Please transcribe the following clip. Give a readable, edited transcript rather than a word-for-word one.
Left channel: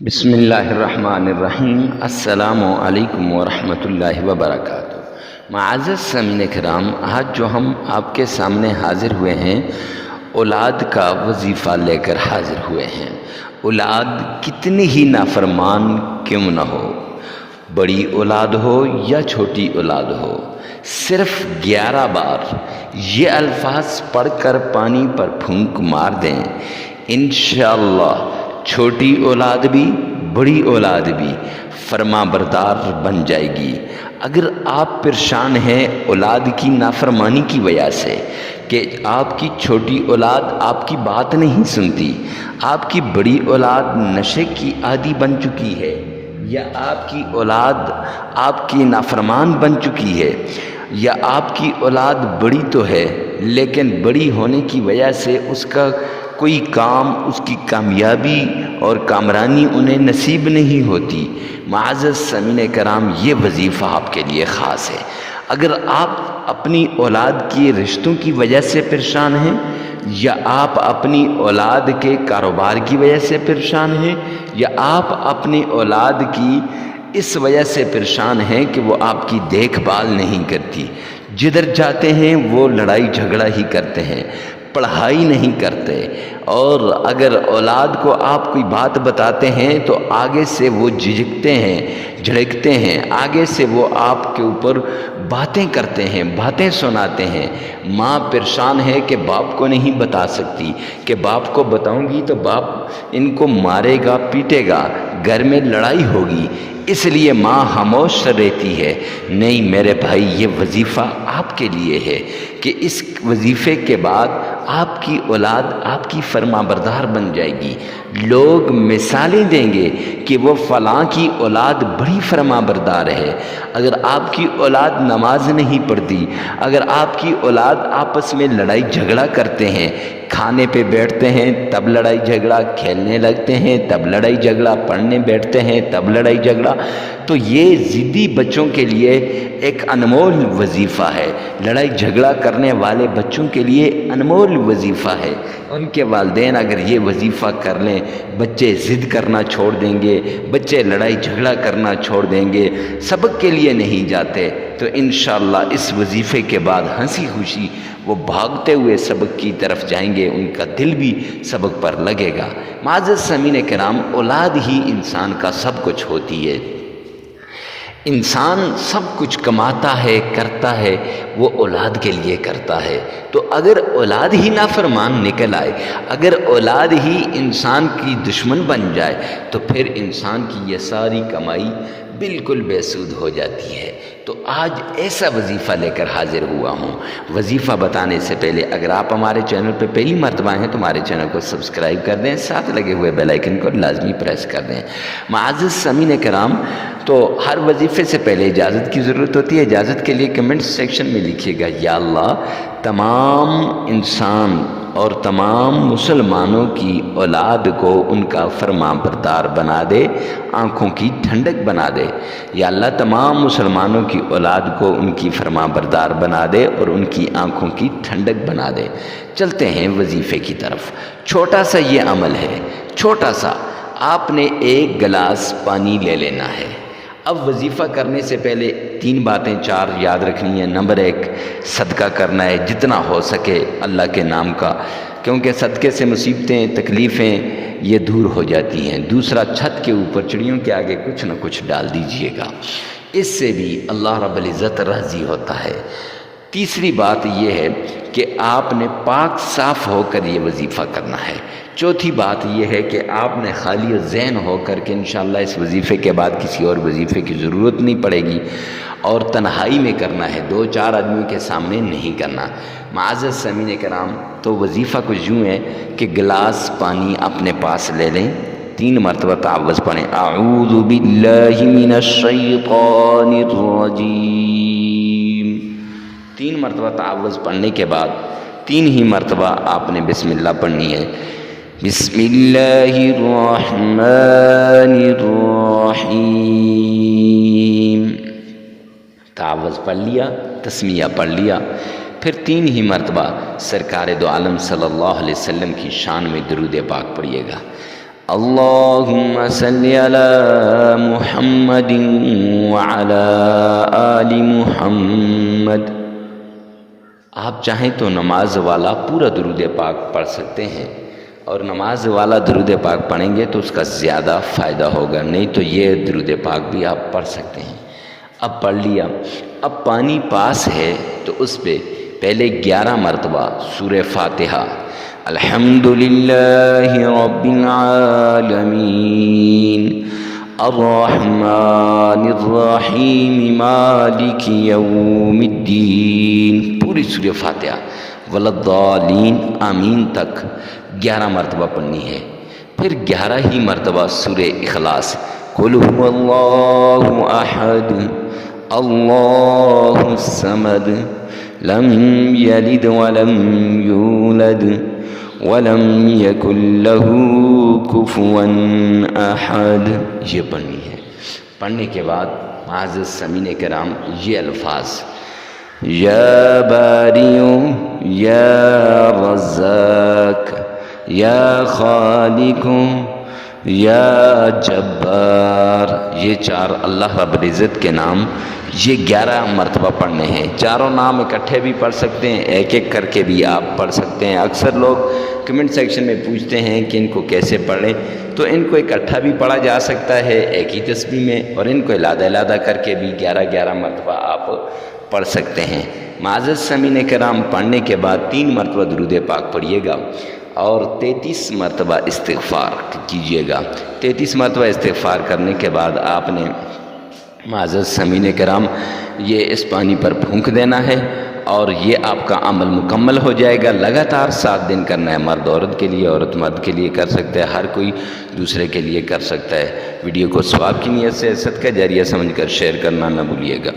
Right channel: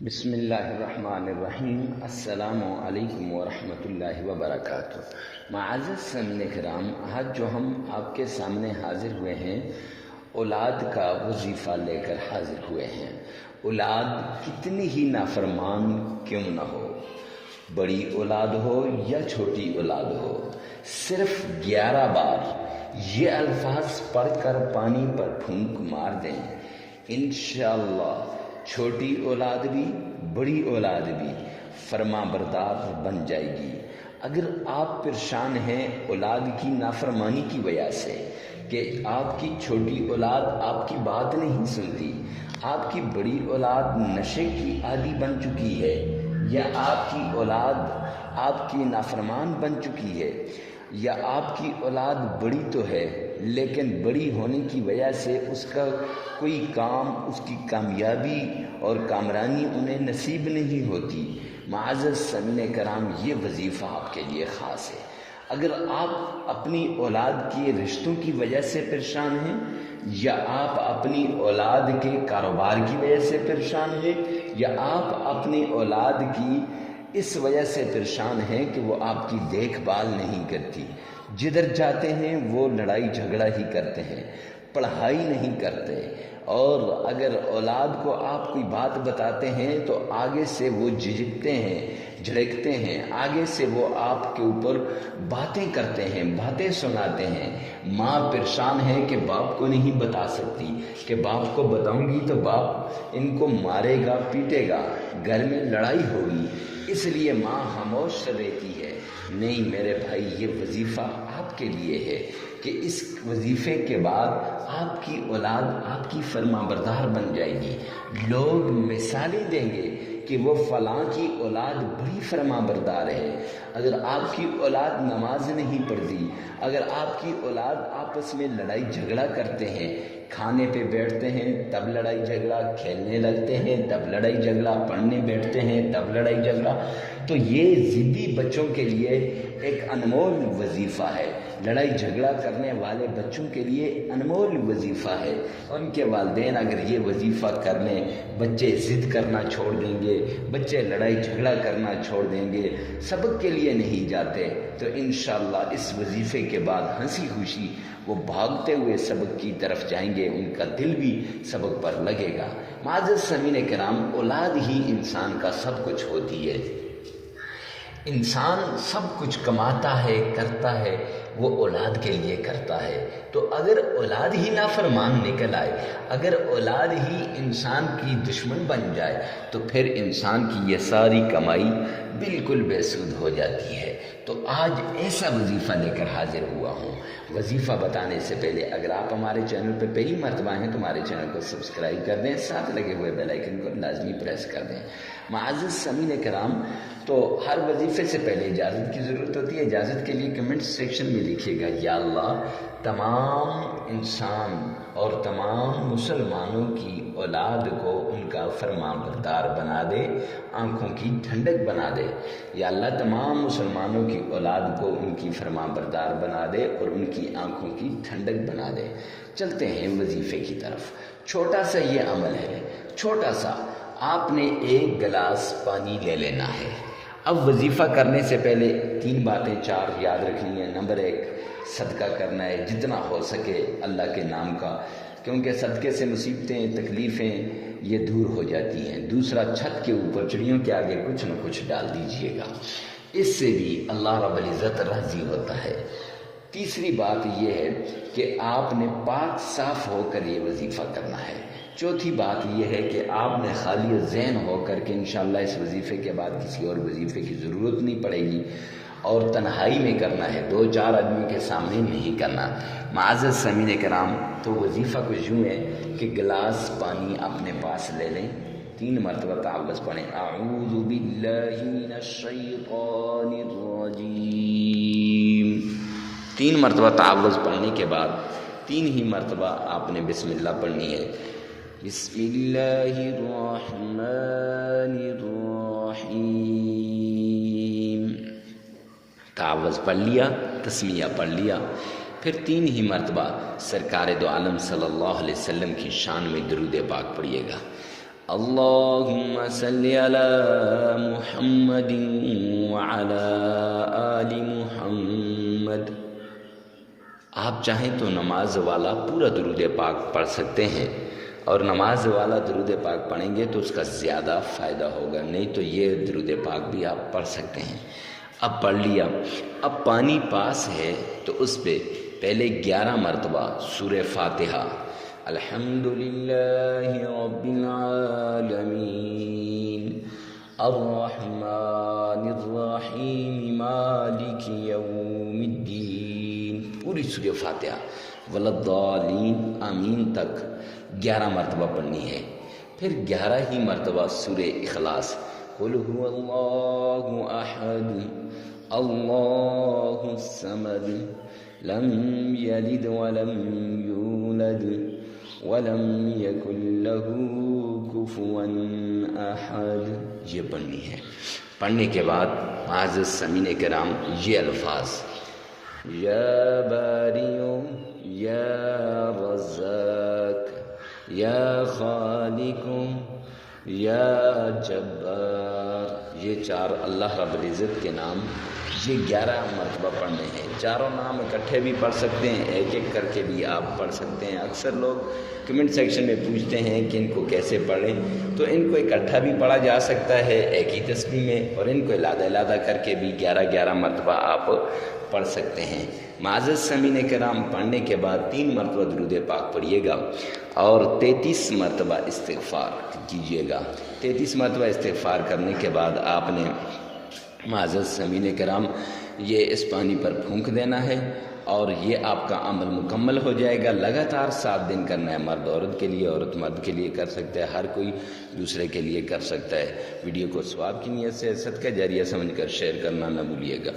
بسم اللہ الرحمن الرحیم۔ السلام علیکم ورحمۃ اللہ وبرکاتہ۔ معزز سامعین کرام، آج جو ہم آپ کے سامنے حاضر ہوئے ہیں، اولاد کا وظیفہ لے کر حاضر ہوئے ہیں۔ اولاد کتنی ہی نافرمان کیوں نہ ہو، بڑی اولاد ہو یا چھوٹی اولاد ہو، صرف 11 بار یہ الفاظ پڑھ کر پانی پر پھونک مار دیں، انشاءاللہ چھوٹی اولاد بھی بڑی اولاد بھی فرما بردار بن جائے گی۔ اگر آپ پریشان ہیں اولاد کی نافرمانی کی وجہ سے کہ آپ کی چھوٹی اولاد آپ کی بات نہیں سنتی، آپ کی بڑی اولاد نشے کی عادی بن چکی ہے، یا آپ کی اولاد آپ کی نافرمان بن چکی ہے، یا آپ کی اولاد بڑی تو ہے لیکن بڑی ہونے کی وجہ سے اس کا کوئی کام، اس کی کامیابی اور کامرانی انہیں نصیب نہیں ہوتی، معزز سامعین کرام یہ وظیفہ آپ کے لیے خاص ہے۔ اگر آپ اپنی اولاد کی رشتوں کی وجہ سے پریشان ہیں، یا آپ اپنی اولاد کے کاروبار کی وجہ سے پریشان ہیں، یا آپ اپنی اولاد کی اس وجہ سے پریشان ہیں کہ وہ آپ کی دیکھ بھال نہیں کرتی، جدھر جاتے ہیں وہ لڑائی جھگڑا ہی کرتے ہیں، پڑھائی نہیں کرتے، اور اگر اولاد کو آپ کوئی بات بتاتے ہیں تو آگے سے وہ جھجکتے ہیں، جھڑکتے ہیں، آگے سے وہ آپ کے اوپر باتیں کرتے ہیں، باتیں سناتے ہیں۔ ماں پریشان ہے کہ باپ کو نہیں بتا سکتی، کہ باپ کو بتاؤں گی تو باپ ان کو مارے گا، پیٹے گا، گھر میں لڑائی ہوگی، اس لیے ماں خاموش رہتی ہے۔ نہیں میرے بھائی، یہ وظیفہ آپ کے لیے ہے کہ اس وظیفے کے بعد آپ کی اولاد آپ کی فرما بردار بن جائے گی۔ لوگ مثالیں دیں گے کہ وہ فلاں کی اولاد بڑی فرما بردار ہے۔ اگر آپ کی اولاد نماز نہیں پڑھتی، اگر آپ کی اولاد آپس میں لڑائی جھگڑا کرتے ہیں، کھانے پہ بیٹھتے ہیں تب لڑائی جھگڑا، کھیلنے لگتے ہیں تب لڑائی جھگڑا، پڑھنے بیٹھتے ہیں تب لڑائی جھگڑا، تو یہ ضدی بچوں کے لیے ایک انمول وظیفہ ہے۔ لڑائی جھگڑا کرنے والے بچوں کے لیے انمول وظیفہ ہے۔ ان کے والدین اگر یہ وظیفہ کر لیں، بچے ضد کرنا چھوڑ دیں گے، بچے لڑائی جھگڑا کرنا چھوڑ دیں گے، سبق کے لیے نہیں جاتے، تو انشاءاللہ اس وظیفے کے بعد ہنسی خوشی وہ بھاگتے ہوئے سبق کی طرف جائیں گے، ان کا دل بھی سبق پر لگے گا۔ معزز سامعین کرام، اولاد ہی انسان کا سب کچھ ہوتی ہے۔ انسان سب کچھ کماتا ہے، کرتا ہے، وہ اولاد کے لیے کرتا ہے۔ تو اگر اولاد ہی نافرمان نکل آئے، اگر اولاد ہی انسان کی دشمن بن جائے، تو پھر انسان کی یہ ساری کمائی بالکل بے سود ہو جاتی ہے۔ تو آج ایسا وظیفہ لے کر حاضر ہوا ہوں۔ وظیفہ بتانے سے پہلے اگر آپ ہمارے چینل پہ پہلی مرتبہ ہیں تو ہمارے چینل کو سبسکرائب کر دیں، ساتھ لگے ہوئے بیل آئیکن کو لازمی پریس کر دیں۔ معزز سامعین کرام، تو ہر وظیفے سے پہلے اجازت کی ضرورت ہوتی ہے۔ اجازت کے لیے کمنٹ سیکشن میں لکھیے گا، یا اللہ تمام انسان اور تمام مسلمانوں کی اولاد کو ان کا فرما بردار بنا دے، آنکھوں کی ٹھنڈک بنا دے۔ یا اللہ تمام مسلمانوں کی اولاد کو ان کی فرما بردار بنا دے اور ان کی آنکھوں کی ٹھنڈک بنا دے۔ چلتے ہیں وظیفے کی طرف۔ چھوٹا سا یہ عمل ہے، چھوٹا سا، آپ نے 1 گلاس پانی لے لینا ہے۔ اب وظیفہ کرنے سے پہلے 3 باتیں 4 یاد رکھنی ہیں۔ نمبر 1، صدقہ کرنا ہے جتنا ہو سکے اللہ کے نام کا، کیونکہ صدقے سے مصیبتیں، تکلیفیں یہ دور ہو جاتی ہیں۔ دوسرا، چھت کے اوپر چڑیوں کے آگے کچھ نہ کچھ ڈال دیجئے گا، اس سے بھی اللہ رب العزت راضی ہوتا ہے۔ تیسری بات یہ ہے کہ آپ نے پاک صاف ہو کر یہ وظیفہ کرنا ہے۔ چوتھی بات یہ ہے کہ آپ نے خالی ذہن ہو کر کے انشاءاللہ اس وظیفے کے بعد کسی اور وظیفے کی ضرورت نہیں پڑے گی، اور تنہائی میں کرنا ہے، 2-4 آدمیوں کے سامنے نہیں کرنا۔ معزز سامعین کرام، تو وظیفہ کچھ یوں ہے کہ گلاس پانی اپنے پاس لے لیں، 3 مرتبہ تعوذ پڑھیں، اعوذ باللہ من الشیطان الرجیم۔ 3 مرتبہ تعوذ پڑھنے کے بعد 3 ہی مرتبہ آپ نے بسم اللہ پڑھنی ہے۔ بسم اللہ الرحمن الرحیم۔ تعوذ پڑھ لیا، تسمیہ پڑھ لیا، پھر 3 ہی مرتبہ سرکار دو عالم صلی اللہ علیہ وسلم کی شان میں درود پاک پڑھیے گا۔ اللہم صلی علی محمد وعلی آل محمد۔ آپ چاہیں تو نماز والا پورا درود پاک پڑھ سکتے ہیں، اور نماز والا درود پاک پڑھیں گے تو اس کا زیادہ فائدہ ہوگا، نہیں تو یہ درود پاک بھی آپ پڑھ سکتے ہیں۔ اب پڑھ لیا، اب پانی پاس ہے تو اس پہ پہلے 11 مرتبہ سورہ فاتحہ الحمدللہ رب العالمین الرحمن الرحیم مالک یوم الدین، پوری سورہ فاتحہ وللضالین آمین تک 11 مرتبہ پڑھنی ہے۔ پھر 11 ہی مرتبہ سورہ اخلاص قل هو اللہ احد اللہ الصمد لم یلد ولم یولد ولم یکن له کفوا احد، یہ پڑھنی ہے۔ پڑھنے کے بعد معزز سامعین کرام یہ الفاظ یا باری یا رزاق یا خالق یا جبار، یہ 4 اللہ رب العزت کے نام یہ 11 مرتبہ پڑھنے ہیں۔ چاروں نام اکٹھے بھی پڑھ سکتے ہیں، ایک ایک کر کے بھی آپ پڑھ سکتے ہیں۔ اکثر لوگ کمنٹ سیکشن میں پوچھتے ہیں کہ ان کو کیسے پڑھیں، تو ان کو اکٹھا بھی پڑھا جا سکتا ہے ایک ہی تسبیح میں، اور ان کو علیحدہ علیحدہ کر کے بھی 11 مرتبہ آپ پڑھ سکتے ہیں۔ معزز سامعین کرام، پڑھنے کے بعد 3 مرتبہ درود پاک پڑھیے گا اور 33 مرتبہ استغفار کیجیے گا۔ 33 مرتبہ استغفار کرنے کے بعد آپ نے معزز سامعین کرام یہ اس پانی پر پھونک دینا ہے، اور یہ آپ کا عمل مکمل ہو جائے گا۔ لگاتار 7 دن کرنا ہے، مرد عورت کے لیے، عورت مرد کے لیے کر سکتا ہے، ہر کوئی دوسرے کے لیے کر سکتا ہے۔ ویڈیو کو ثواب کی نیت سے صدقہ جاریہ سمجھ کر شیئر کرنا نہ بھولیے گا۔